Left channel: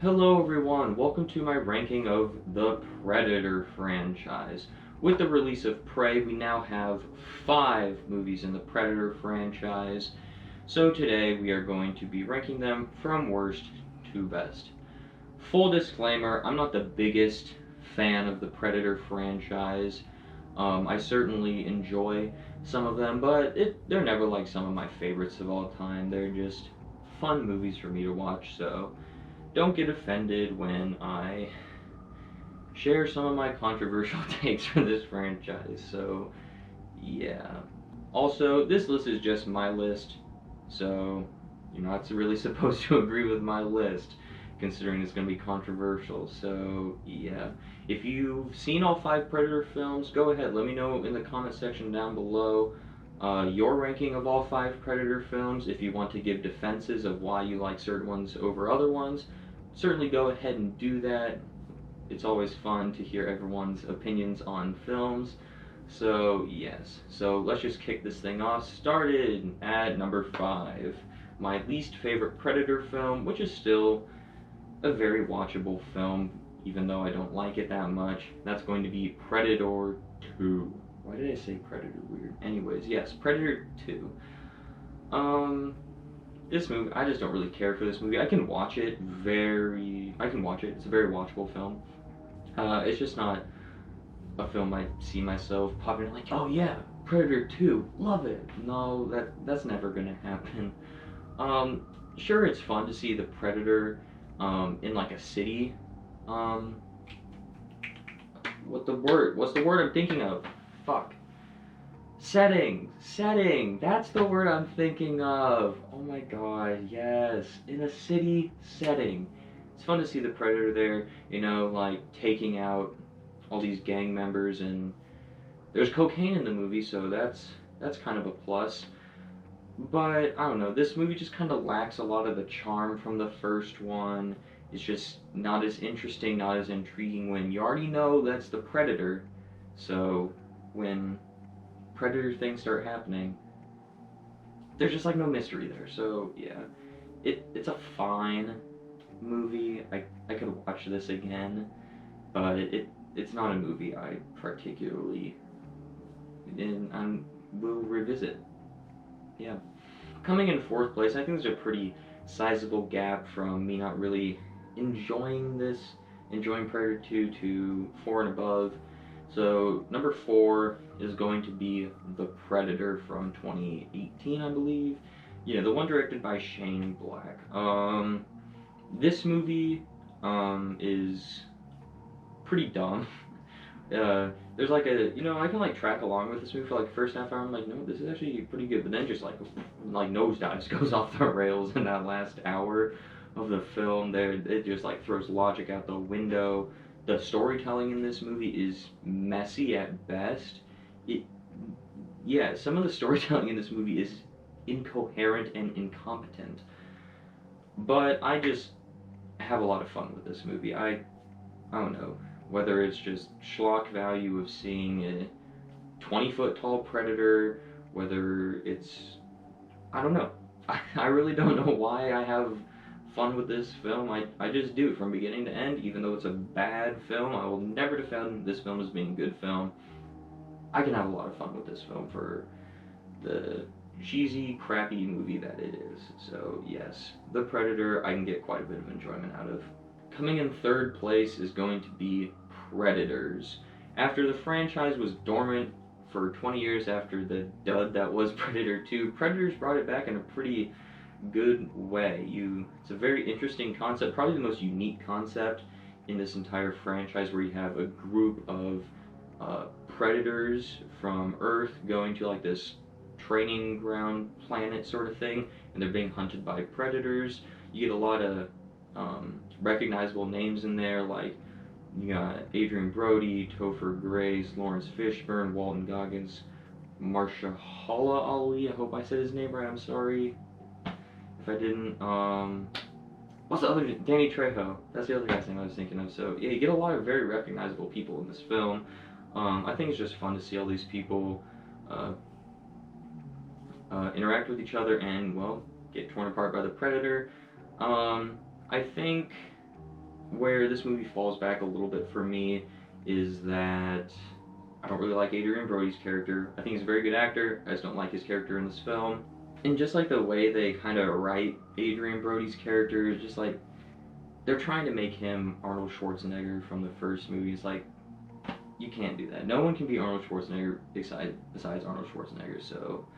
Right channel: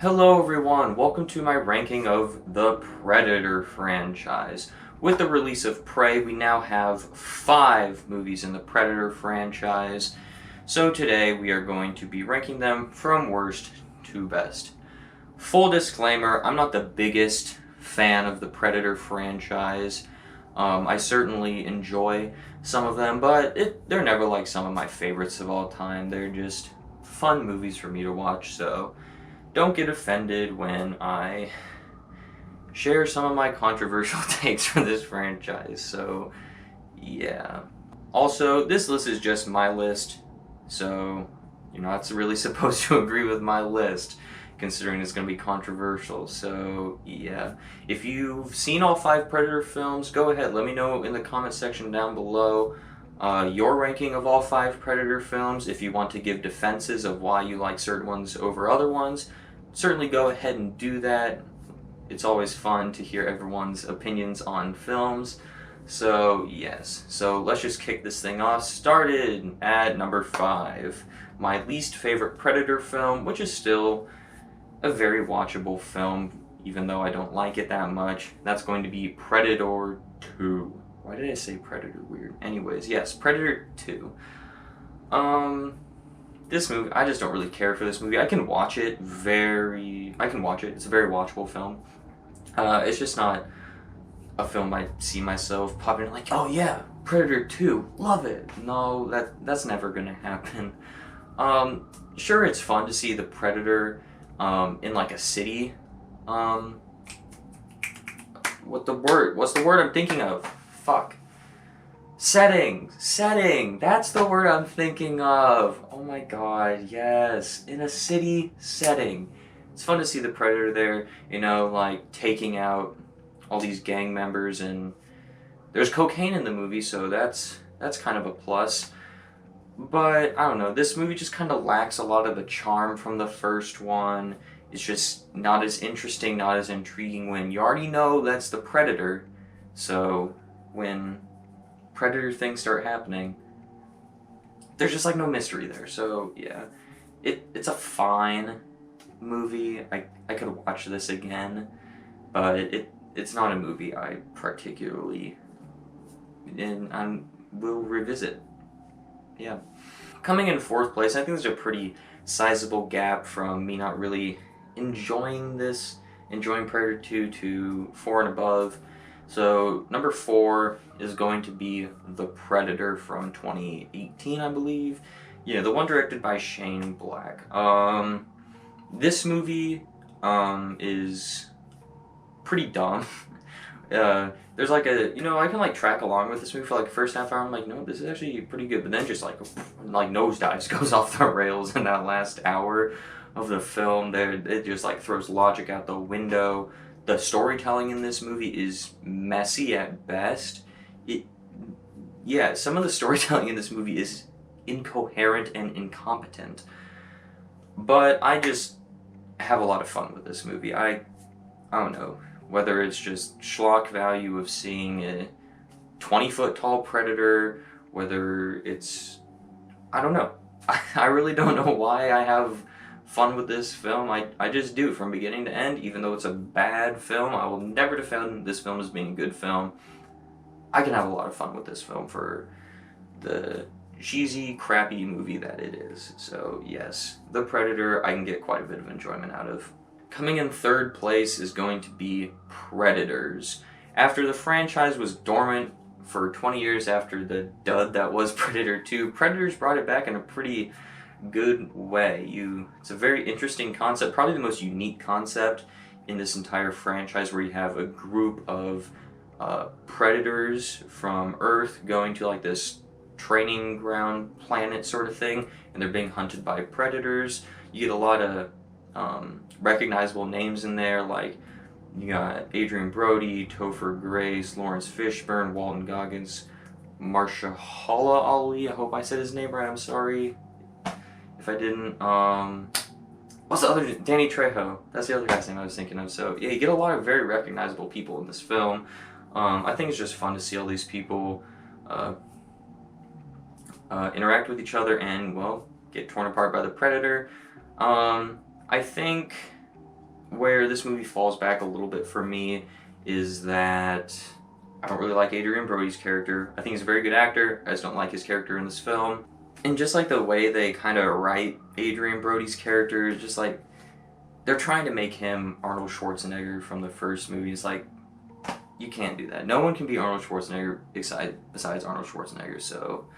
Hello everyone, welcome to my ranking of the Predator franchise. With the release of Prey, we now have 5 movies in the Predator franchise. So today we are going to be ranking them from worst to best. Full disclaimer, I'm not the biggest fan of the Predator franchise. I certainly enjoy some of them, but they're never like some of my favorites of all time. They're just fun movies for me to watch, so don't get offended when I share some of my controversial takes for this franchise. So, yeah. Also, this list is just my list, so you're not really supposed to agree with my list, considering it's going to be controversial. So, yeah. If you've seen all 5 Predator films, go ahead. Let me know in the comment section down below your ranking of all 5 Predator films. If you want to give defenses of why you like certain ones over other ones, certainly go ahead and do that. It's always fun to hear everyone's opinions on films. So, yes. So, let's just kick this thing off. Started at number 5. My least favorite Predator film, which is still a very watchable film, even though I don't like it that much. That's going to be Predator 2. Why did I say Predator weird? Anyways, yes, Predator 2. This movie, I just don't really care for this movie. I can watch it. It's a very watchable film. It's just not a film I see myself popping in like, oh yeah, Predator 2, love it. No, that's never gonna happen. Sure, it's fun to see the Predator in like a city. What's the word I'm thinking of? Fuck. Setting. That's the word I'm thinking of. Oh my god, yes. In a city setting. It's fun to see the Predator there, like taking out all these gang members, and there's cocaine in the movie, so that's kind of a plus. But I don't know, this movie just kind of lacks a lot of the charm from the first one. It's just not as interesting, not as intriguing when you already know that's the Predator. So when Predator things start happening, there's just like no mystery there. So yeah, it's a fine movie. I could watch this again, but it's not a movie I particularly and I will revisit. Yeah. Coming in 4th place, I think there's a pretty sizable gap from me not really enjoying Predator 2 to 4 and above. So number 4 is going to be The Predator from 2018, I believe. Yeah, the one directed by Shane Black. This movie is pretty dumb. There's like I can like track along with this movie for like the first half hour. I'm like, no, this is actually pretty good. But then just like nosedives goes off the rails in that last hour of the film. There, it just like throws logic out the window. The storytelling in this movie is messy at best. Some of the storytelling in this movie is incoherent and incompetent. But I just have a lot of fun with this movie. I don't know whether it's just schlock value of seeing a 20-foot tall Predator, whether it's I don't know. I really don't know why I have fun with this film. I just do from beginning to end. Even though it's a bad film, I will never defend this film as being a good film. I can have a lot of fun with this film for the cheesy, crappy movie that it is. So yes, The Predator I can get quite a bit of enjoyment out of. Coming in 3rd place is going to be Predators. After the franchise was dormant for 20 years after the dud that was Predator 2, Predators brought it back in a pretty good way. It's a very interesting concept, probably the most unique concept in this entire franchise, where you have a group of predators from Earth going to like this training ground planet sort of thing, and they're being hunted by predators. You get a lot of recognizable names in there, like you got Adrian Brody, Topher Grace, Lawrence Fishburne, Walton Goggins, Marshala Ali. I hope I said his name right. I'm sorry if I didn't. What's the other? Danny Trejo. That's the other guy's name I was thinking of. So yeah, you get a lot of very recognizable people in this film. I think it's just fun to see all these people interact with each other and, well, get torn apart by the Predator. I think where this movie falls back a little bit for me is that I don't really like Adrian Brody's character. I think he's a very good actor. I just don't like his character in this film. And just like the way they kind of write Adrian Brody's character, just like they're trying to make him Arnold Schwarzenegger from the first movie. It's like, you can't do that. No one can be Arnold Schwarzenegger besides Arnold Schwarzenegger. So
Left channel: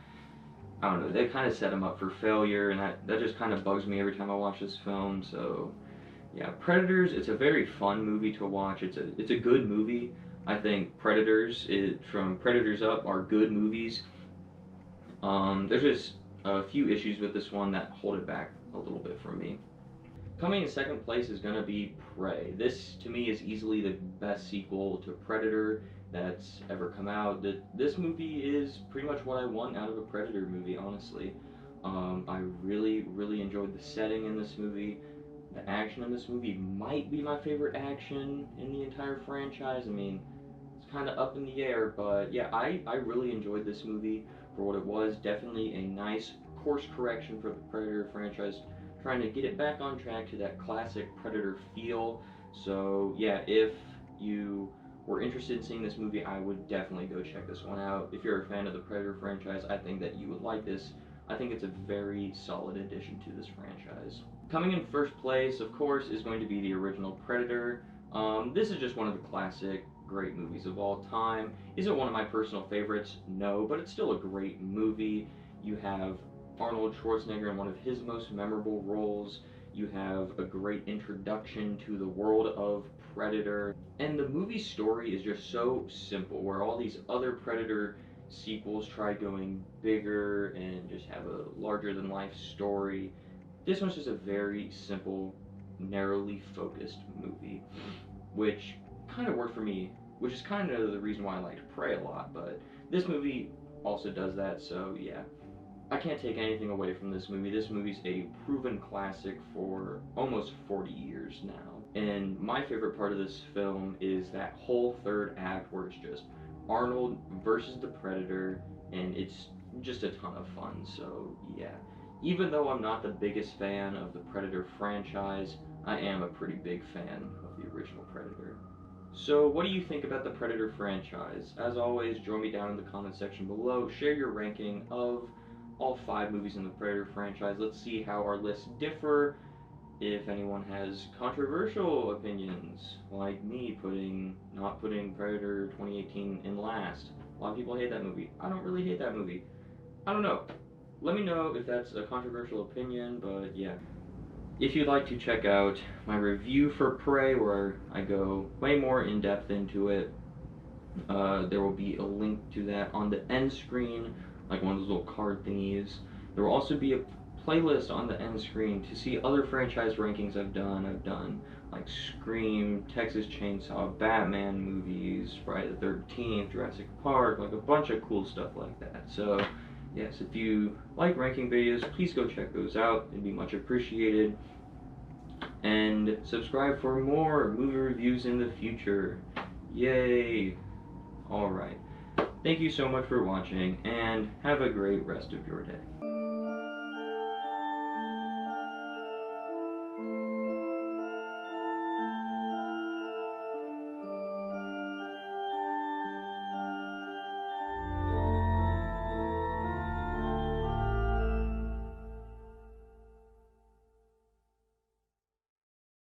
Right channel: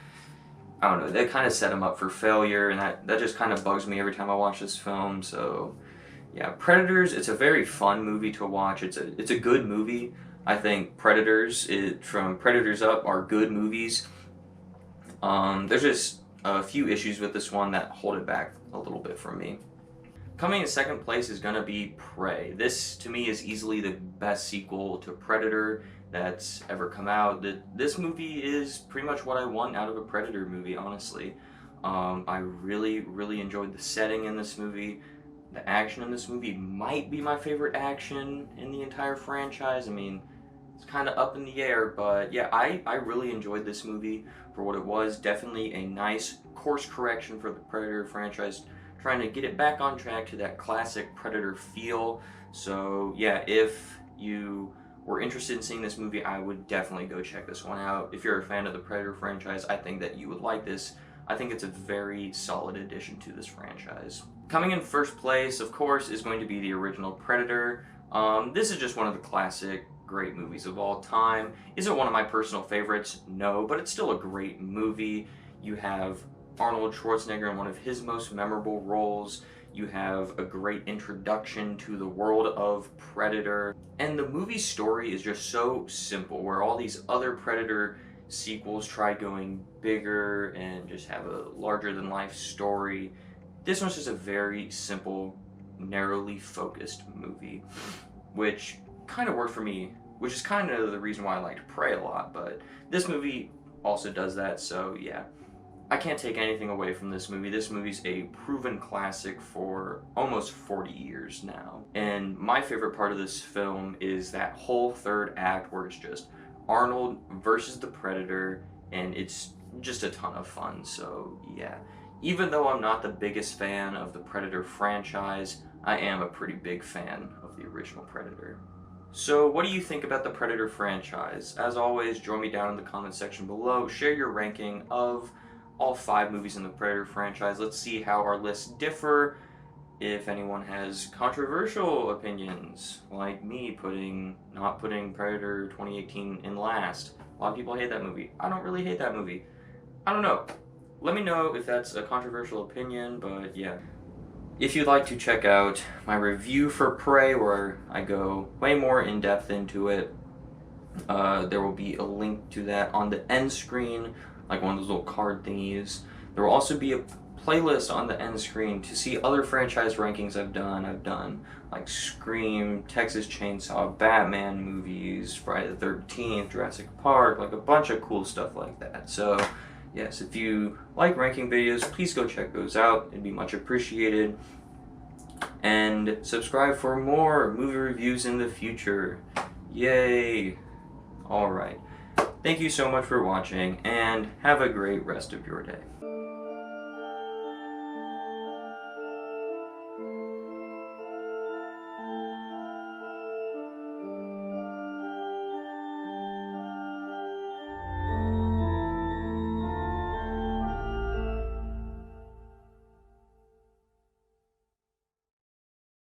I don't know. They kind of set him up for failure, and that just kind of bugs me every time I watch this film. So yeah, Predators. It's a very fun movie to watch. It's a good movie. I think from Predators Up are good movies. There's just a few issues with this one that hold it back a little bit from me. Coming in second place is going to be Prey. This, to me, is easily the best sequel to Predator that's ever come out. This movie is pretty much what I want out of a Predator movie, honestly. I really, really enjoyed the setting in this movie. The action in this movie might be my favorite action in the entire franchise. I mean, it's kind of up in the air, but yeah, I really enjoyed this movie for what it was. Definitely a nice course correction for the Predator franchise, trying to get it back on track to that classic Predator feel. So yeah, if you were interested in seeing this movie, I would definitely go check this one out. If you're a fan of the Predator franchise, I think that you would like this. I think it's a very solid addition to this franchise. Coming in first place, of course, is going to be the original Predator. This is just one of the classic great movies of all time. Is it one of my personal favorites? No, but it's still a great movie. You have Arnold Schwarzenegger in one of his most memorable roles. You have a great introduction to the world of Predator. And the movie's story is just so simple, where all these other Predator sequels try going bigger and just have a larger-than-life story. This one's just a very simple, narrowly focused movie, which kind of worked for me, which is kind of the reason why I liked Prey a lot, but this movie also does that, so yeah. I can't take anything away from this movie. This movie's a proven classic for almost 40 years now. And my favorite part of this film is that whole third act where it's just Arnold versus the Predator, and it's just a ton of fun, so yeah. Even though I'm not the biggest fan of the Predator franchise, I am a pretty big fan of the original Predator. So what do you think about the Predator franchise? As always, join me down in the comment section below. Share your ranking of all 5 movies in the Predator franchise. Let's see how our lists differ. If anyone has controversial opinions, like me not putting Predator 2018 in last. A lot of people hate that movie. I don't really hate that movie. I don't know. Let me know if that's a controversial opinion, but yeah. If you'd like to check out my review for Prey, where I go way more in depth into it, there will be a link to that on the end screen, like one of those little card thingies. There will also be a playlist on the end screen to see other franchise rankings I've done. I've done like Scream, Texas Chainsaw, Batman movies, Friday the 13th, Jurassic Park, like a bunch of cool stuff like that. So yes, if you like ranking videos, please go check those out. It'd be much appreciated. And subscribe for more movie reviews in the future. Yay! Alright. Thank you so much for watching, and have a great rest of your day.